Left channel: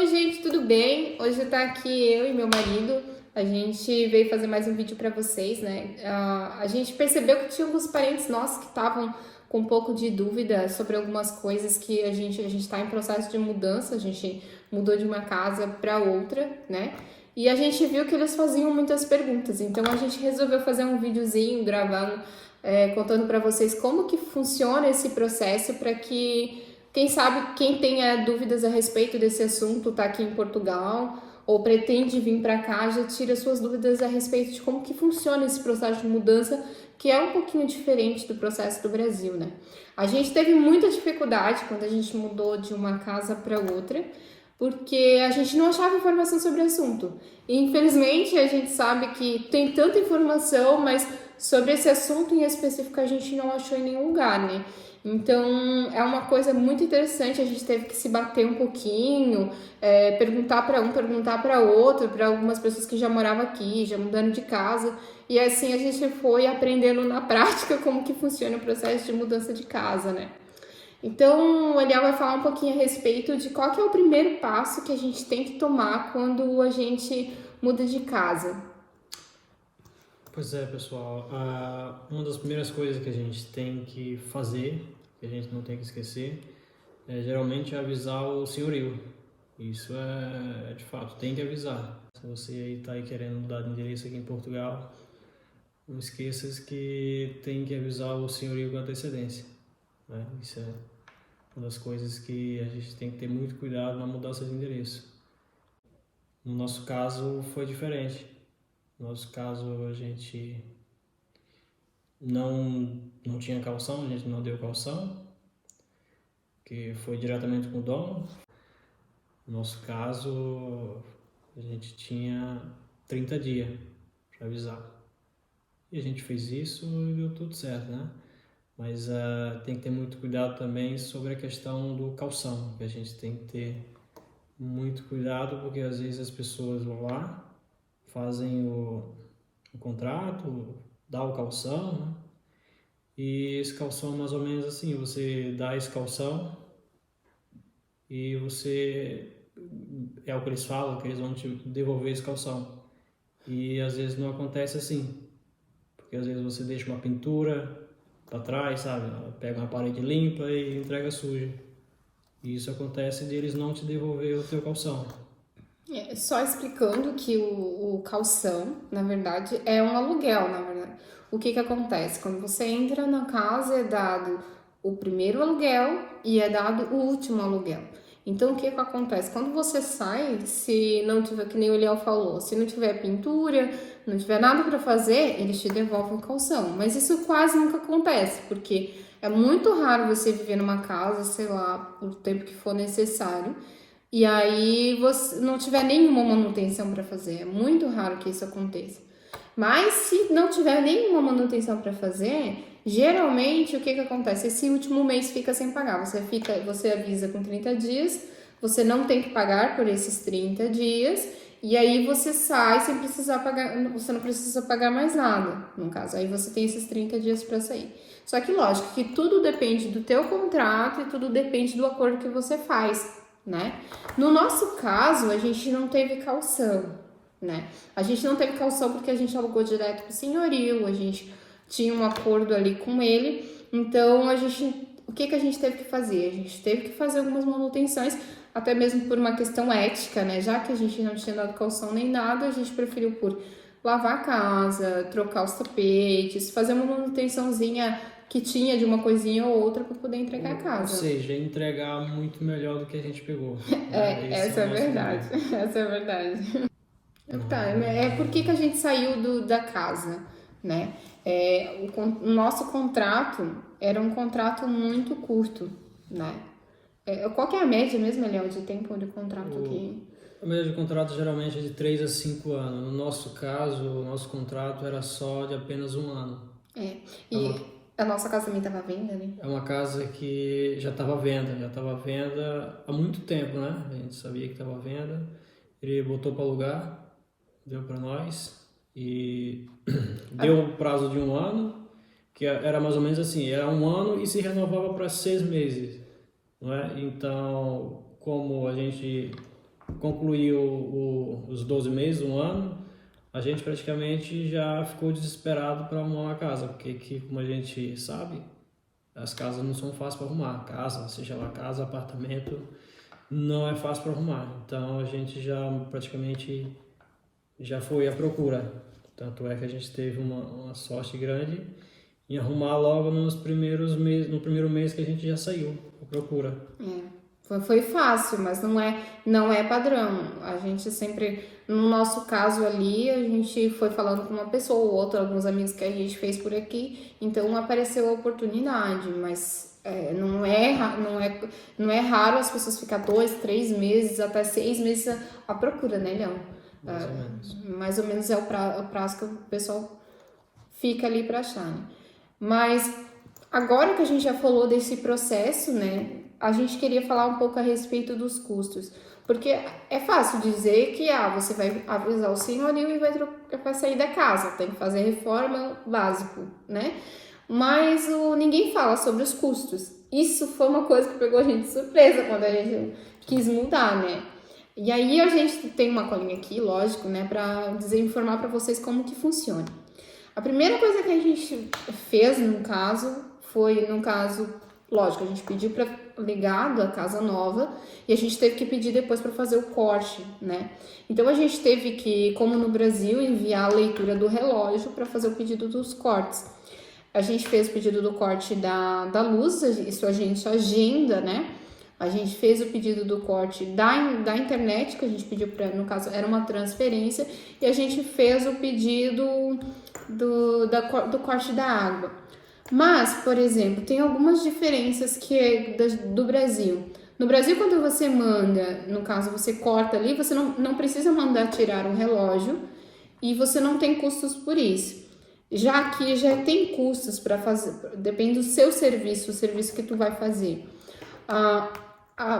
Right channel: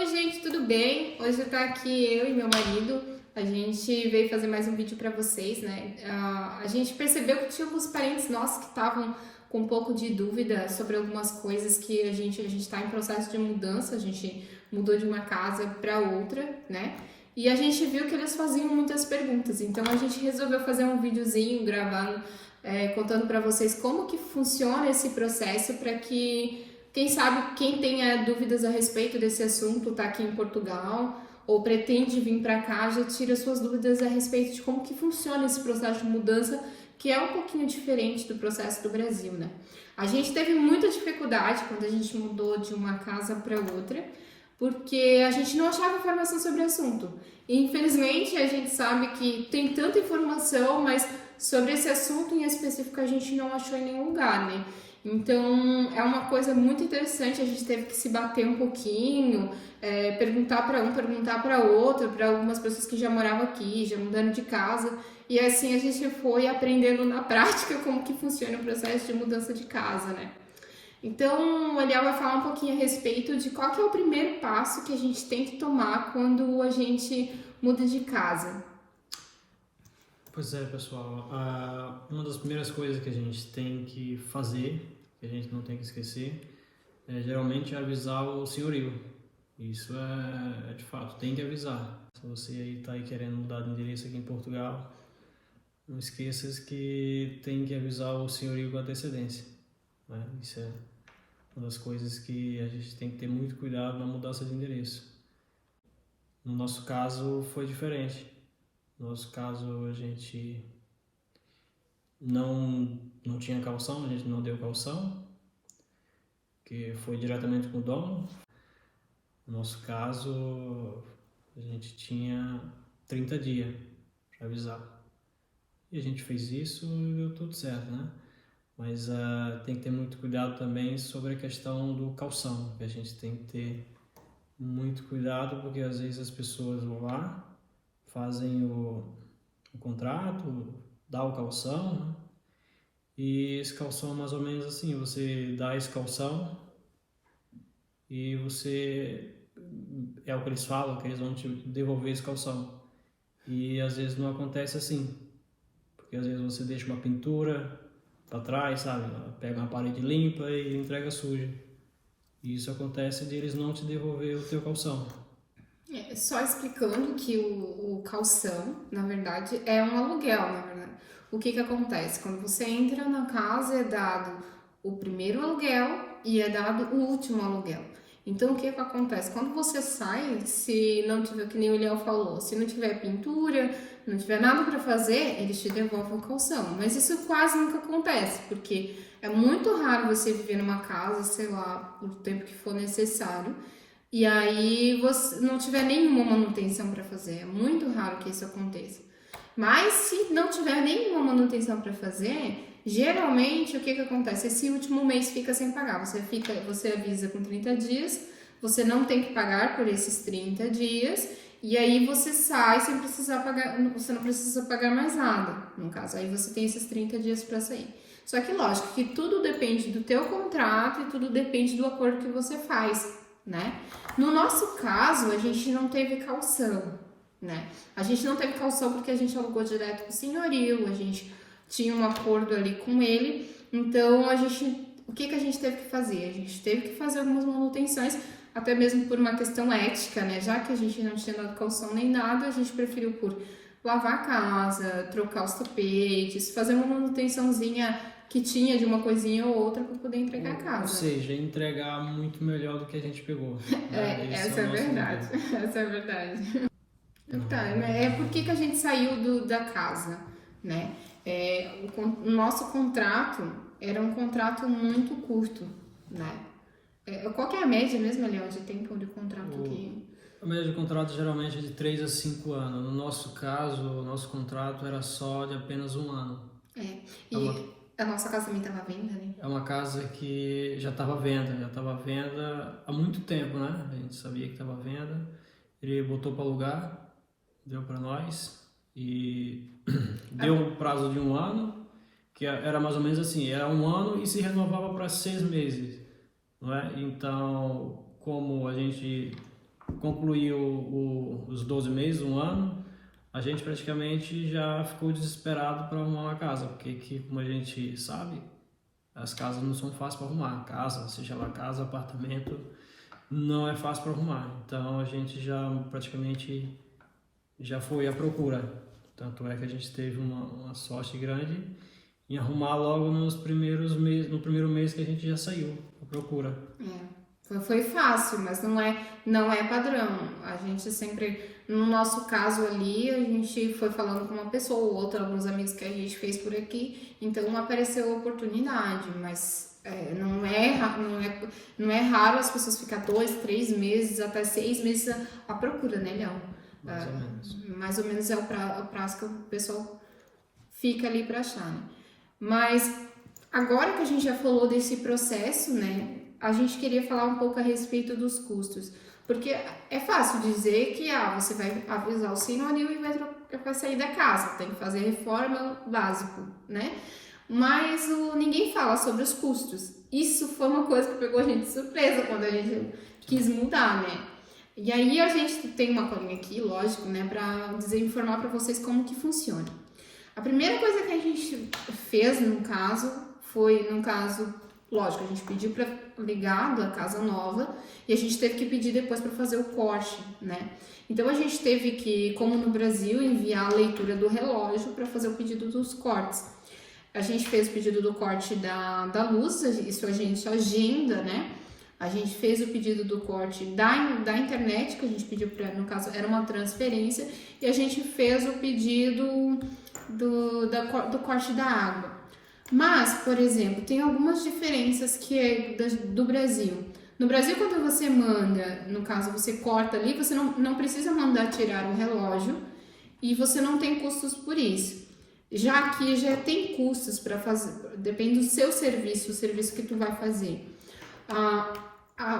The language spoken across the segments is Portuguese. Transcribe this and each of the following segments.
Oi gente, tudo bem? Hoje tá aqui eu e meu marido. A gente veio fazer mais um vídeo para vocês, né? A gente percebeu que tinha alguns parentes nossos que estavam com um pouco de dúvida sobre algumas coisas que a gente está em processo de mudança. A gente mudou de uma casa para outra, né? E a gente viu que eles faziam muitas perguntas. Então a gente resolveu fazer um videozinho gravado, contando para vocês como que funciona esse processo para que quem sabe, quem tenha dúvidas a respeito desse assunto, tá aqui em Portugal ou pretende vir para cá, já tira suas dúvidas a respeito de como que funciona esse processo de mudança, que é um pouquinho diferente do processo do Brasil, né? A gente teve muita dificuldade quando a gente mudou de uma casa para outra, porque a gente não achava informação sobre o assunto. E, infelizmente, a gente sabe que tem tanta informação, mas sobre esse assunto em específico a gente não achou em nenhum lugar, né? Então, é uma coisa muito interessante, a gente teve que se bater um pouquinho, perguntar para um, perguntar para outro, para algumas pessoas que já moravam aqui, já mudaram de casa, e assim a gente foi aprendendo na prática como que funciona o processo de mudança de casa, né? Então, o Eliel vai falar um pouquinho a respeito de qual que é o primeiro passo que a gente tem que tomar quando a gente muda de casa. Pois é, pessoal, uma das primeiras coisas que a gente tem que fazer, que a gente não tem que esquecer, geralmente avisar o senhorio. Isso é de fato, tem que avisar. Se você aí está aí querendo mudar de endereço aqui em Portugal, não esqueças que tem que avisar o senhorio com antecedência, né? Isso é uma das coisas que a gente tem que ter muito cuidado na mudança de endereço. No nosso caso foi diferente. No nosso caso, a gente não tinha calção, a gente não deu calção, que foi diretamente com o dono. No nosso caso, a gente tinha 30 dias para avisar. E a gente fez isso e deu tudo certo, né? Mas tem que ter muito cuidado também sobre a questão do calção, que a gente tem que ter muito cuidado, porque às vezes as pessoas vão lá, fazem o contrato, dá o calção, né? E esse calção é mais ou menos assim, você dá esse calção e você, é o que eles falam, que eles vão te devolver esse calção. E às vezes não acontece assim, porque às vezes você deixa uma pintura para trás, sabe? Pega uma parede limpa e entrega suja. E isso acontece de eles não te devolver o teu calção. Só explicando que o calção, na verdade, é um aluguel, na verdade. O que acontece? Quando você entra na casa, é dado o primeiro aluguel e é dado o último aluguel. Então, o que acontece? Quando você sai, se não tiver, que nem o Léo falou, se não tiver pintura, não tiver nada para fazer, eles te devolvem o calção. Mas isso quase nunca acontece, porque é muito raro você viver numa casa, sei lá, o tempo que for necessário, e aí você não tiver nenhuma manutenção para fazer. É muito raro que isso aconteça. Mas se não tiver nenhuma manutenção para fazer, geralmente o que acontece? Esse último mês fica sem pagar. Você avisa com 30 dias, você não tem que pagar por esses 30 dias, e aí você sai sem precisar pagar, você não precisa pagar mais nada, no caso. Aí você tem esses 30 dias para sair. Só que lógico que tudo depende do teu contrato e tudo depende do acordo que você faz, né? No nosso caso, a gente não teve calção, né? A gente não teve calção porque a gente alugou direto pro senhorio, a gente tinha um acordo ali com ele, então o que a gente teve que fazer? A gente teve que fazer algumas manutenções, até mesmo por uma questão ética, né? Já que a gente não tinha dado calção nem nada, a gente preferiu por lavar a casa, trocar os tapetes, fazer uma manutençãozinha que tinha de uma coisinha ou outra para poder entregar a casa. Ou seja, entregar muito melhor do que a gente pegou. Essa é verdade. Essa é verdade. Tá, por que a gente saiu da casa, né? O nosso contrato era um contrato muito curto, né? Qual que é a média mesmo, Léo, de tempo de contrato aqui? A média de contrato geralmente é de 3 a 5 anos. No nosso caso, o nosso contrato era só de apenas 1 ano. A nossa casa também estava à venda, né? É uma casa que já estava à venda há muito tempo, né? A gente sabia que estava à venda. Ele botou para alugar, deu para nós e deu um prazo de 1 ano, que era mais ou menos assim, era 1 ano e se renovava para 6 meses, não é? Então, como a gente concluiu os 12 meses, um ano, a gente praticamente já ficou desesperado para arrumar uma casa, porque como a gente sabe, as casas não são fáceis para arrumar. Casa, seja lá casa, apartamento, não é fácil para arrumar. Então a gente já praticamente já foi à procura. Tanto é que a gente teve uma sorte grande em arrumar logo nos primeiros meses, no primeiro mês que a gente já saiu à procura. Foi fácil, mas não é padrão. A gente sempre, no nosso caso ali, a gente foi falando com uma pessoa ou outra, alguns amigos que a gente fez por aqui, então apareceu a oportunidade, mas não é raro as pessoas ficar 2, 3 meses, até 6 meses à procura, né, Leão? Mais ou menos. Mais ou menos é o prazo que o pessoal fica ali para achar, né? Mas agora que a gente já falou desse processo, né? A gente queria falar um pouco a respeito dos custos. Porque é fácil dizer que você vai avisar o senhorio e vai sair da casa, tem que fazer reforma básico, né? Mas ninguém fala sobre os custos. Isso foi uma coisa que pegou a gente de surpresa quando a gente quis mudar, né? E aí a gente tem uma colinha aqui, lógico, né, para informar para vocês como que funciona. A primeira coisa que a gente fez foi, lógico, a gente pediu para ligar da casa nova e a gente teve que pedir depois para fazer o corte, né? Então a gente teve que, como no Brasil, enviar a leitura do relógio para fazer o pedido dos cortes. A gente fez o pedido do corte da luz, isso a gente agenda, né? A gente fez o pedido do corte da internet, que a gente pediu para, no caso, era uma transferência, e a gente fez o pedido do corte da água. Mas, por exemplo, tem algumas diferenças do Brasil. No Brasil, quando você manda, no caso, você corta ali, você não precisa mandar tirar o relógio e você não tem custos por isso. Já aqui já tem custos para fazer, depende do seu serviço, o serviço que tu vai fazer.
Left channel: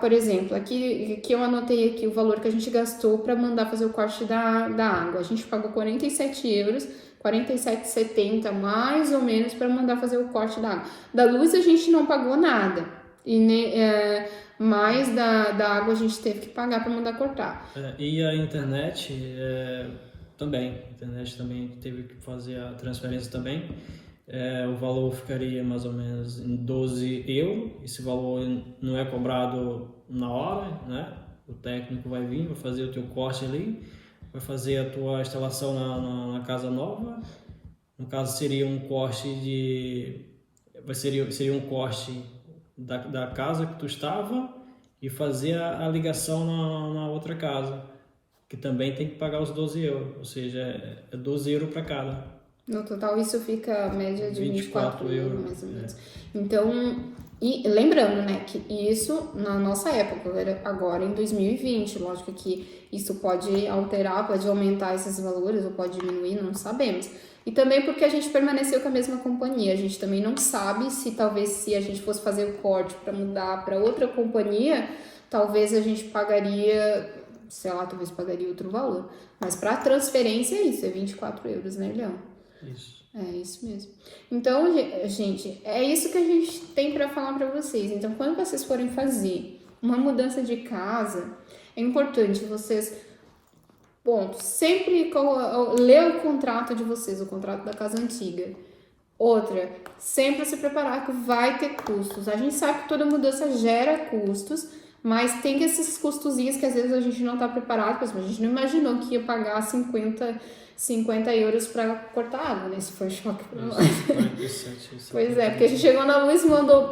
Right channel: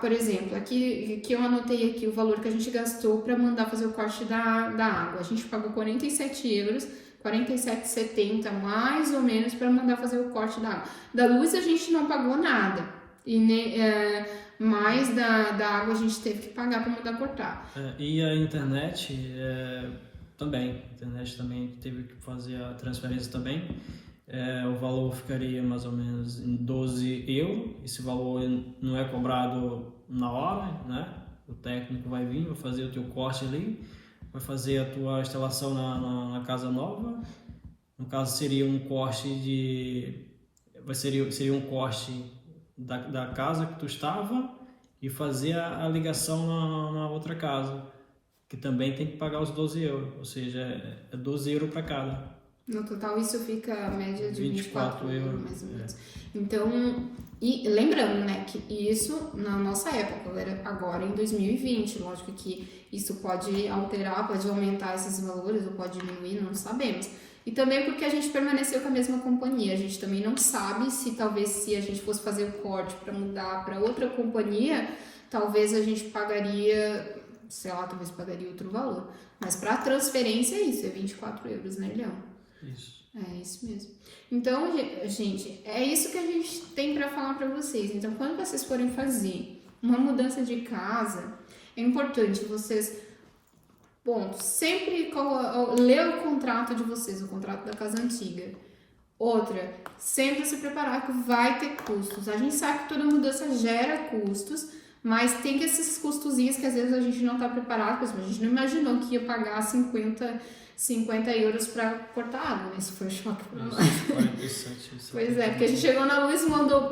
Por exemplo, aqui eu anotei aqui o valor que a gente gastou para mandar fazer o corte da água. A gente pagou 47 euros, 47,70 mais ou menos para mandar fazer o corte da água. Da luz a gente não pagou nada, mais da água a gente teve que pagar para mandar cortar. E a internet também, a internet também teve que fazer a transferência também. O valor ficaria mais ou menos em 12 euros. Esse valor não é cobrado na hora, né? O técnico vai vir, vai fazer o teu corte ali, vai fazer a tua instalação na casa nova. No caso seria um corte seria um corte da casa que tu estava e fazer a ligação na outra casa, que também tem que pagar os 12 euros, ou seja, é 12 euros para cada. No total, isso fica a média de 24 euros, mais ou menos. É. Então, e lembrando, né, que isso na nossa época, agora em 2020, lógico que isso pode alterar, pode aumentar esses valores ou pode diminuir, não sabemos. E também porque a gente permaneceu com a mesma companhia, a gente também não sabe se a gente fosse fazer o corte para mudar para outra companhia, talvez a gente pagaria, sei lá, talvez pagaria outro valor. Mas para transferência é isso, é 24 euros, né, Leão? Isso. É isso mesmo. Então, gente, é isso que a gente tem para falar para vocês. Então, quando vocês forem fazer uma mudança de casa, é importante vocês, sempre ler o contrato de vocês, o contrato da casa antiga. Outra, sempre se preparar que vai ter custos. A gente sabe que toda mudança gera custos, mas tem esses custozinhos que às vezes a gente não está preparado, por exemplo, a gente não imaginou que ia pagar 50 euros para cortar água, né? Isso foi choque para nós. 47, pois é, porque a gente chegou na luz,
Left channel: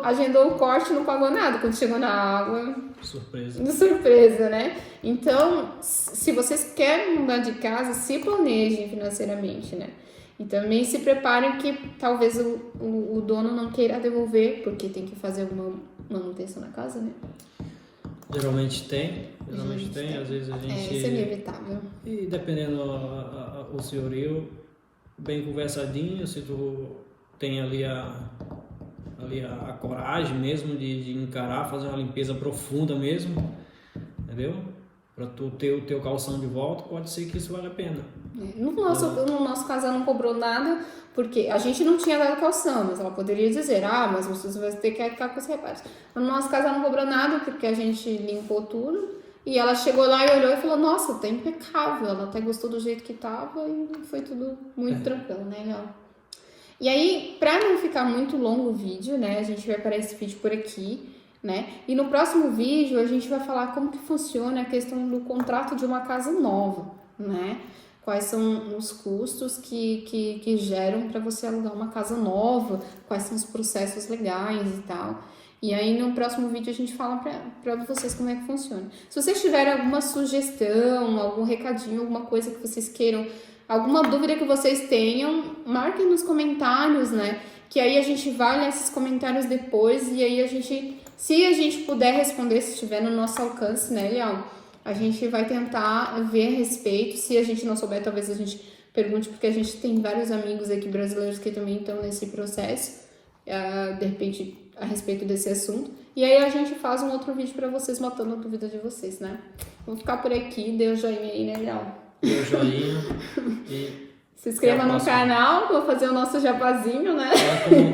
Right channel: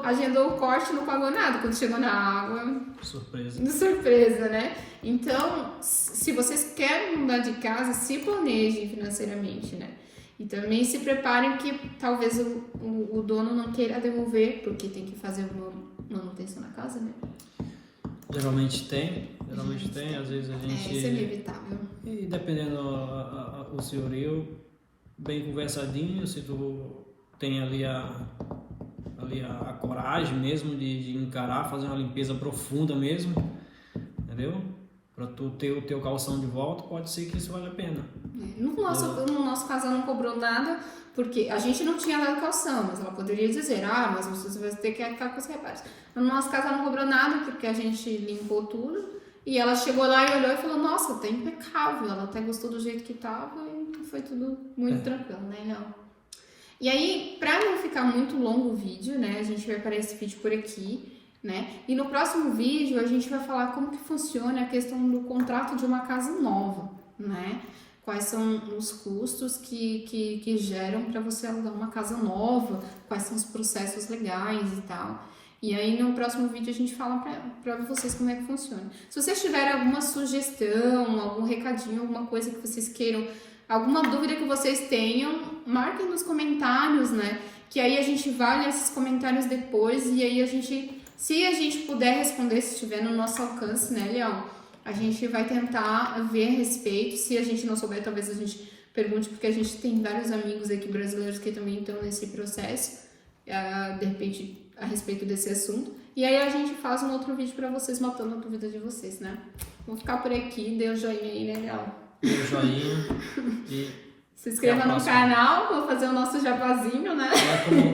agendou o corte e não pagou nada. Quando chegou na água... Surpresa, né? Então, se vocês querem mudar de casa, se planejem financeiramente, né? E também se preparem que talvez o dono não queira devolver, porque tem que fazer alguma manutenção na casa, né? Geralmente tem, às vezes a gente... Isso é inevitável. E dependendo o senhorio, bem conversadinho, se tu tem ali a coragem mesmo de encarar, fazer uma limpeza profunda mesmo, entendeu? Para tu ter o teu calção de volta, pode ser que isso vale a pena. No nosso caso, ela não cobrou nada, porque a gente não tinha dado calção, mas ela poderia dizer, mas você vai ter que ficar com os reparos. No nosso caso, ela não cobrou nada, porque a gente limpou tudo E ela chegou lá e olhou e falou, nossa, tá impecável. Ela até gostou do jeito que tava e foi tudo muito tranquilo, né, Léo? E aí, pra não ficar muito longo o vídeo, né, a gente vai parar esse vídeo por aqui, né? E no próximo vídeo a gente vai falar como que funciona a questão do contrato de uma casa nova, né? Quais são os custos que geram para você alugar uma casa nova, quais são os processos legais e tal. E aí no próximo vídeo a gente fala para vocês como é que funciona. Se vocês tiverem alguma sugestão, algum recadinho, alguma coisa que vocês queiram, alguma dúvida que vocês tenham, marquem nos comentários, né? Que aí a gente vai ler esses comentários depois e aí a gente, se a gente puder responder, se estiver no nosso alcance, né, Leão? A gente vai tentar ver a respeito. Se a gente não souber, talvez a gente pergunte, porque a gente tem vários amigos aqui brasileiros que também estão nesse processo, de repente, a respeito desse assunto. E aí a gente faz um outro vídeo para vocês, matando a dúvida de vocês, né? Vou ficar por aqui, dê o joinha aí, né, Leão? Dê o joinha e... Se inscreva no canal, vou fazer o nosso jabazinho, né?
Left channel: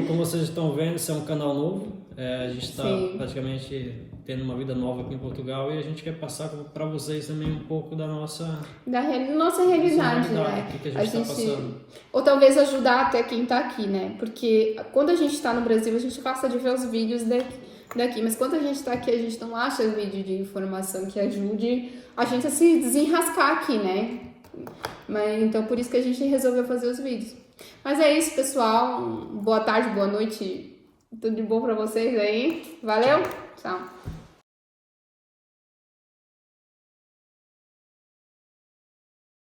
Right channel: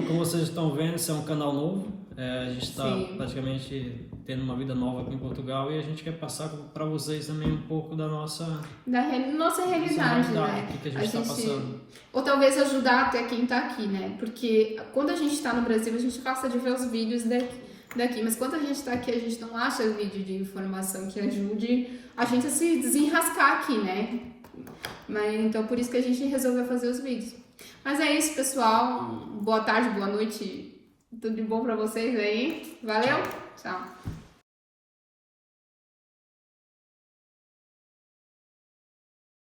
Como vocês estão vendo, esse é um canal novo. A gente está praticamente tendo uma vida nova aqui em Portugal e a gente quer passar para vocês também um pouco da nossa realidade, né? O que a gente está passando. Ou talvez ajudar até quem está aqui, né? Porque quando a gente está no Brasil, a gente gosta de ver os vídeos daqui. Mas quando a gente está aqui, a gente não acha vídeo de informação que ajude a gente a se desenrascar aqui, né? Mas, então, por isso que a gente resolveu fazer os vídeos. Mas é isso, pessoal. Boa tarde, boa noite. Tudo de bom pra vocês aí. Valeu? Tchau.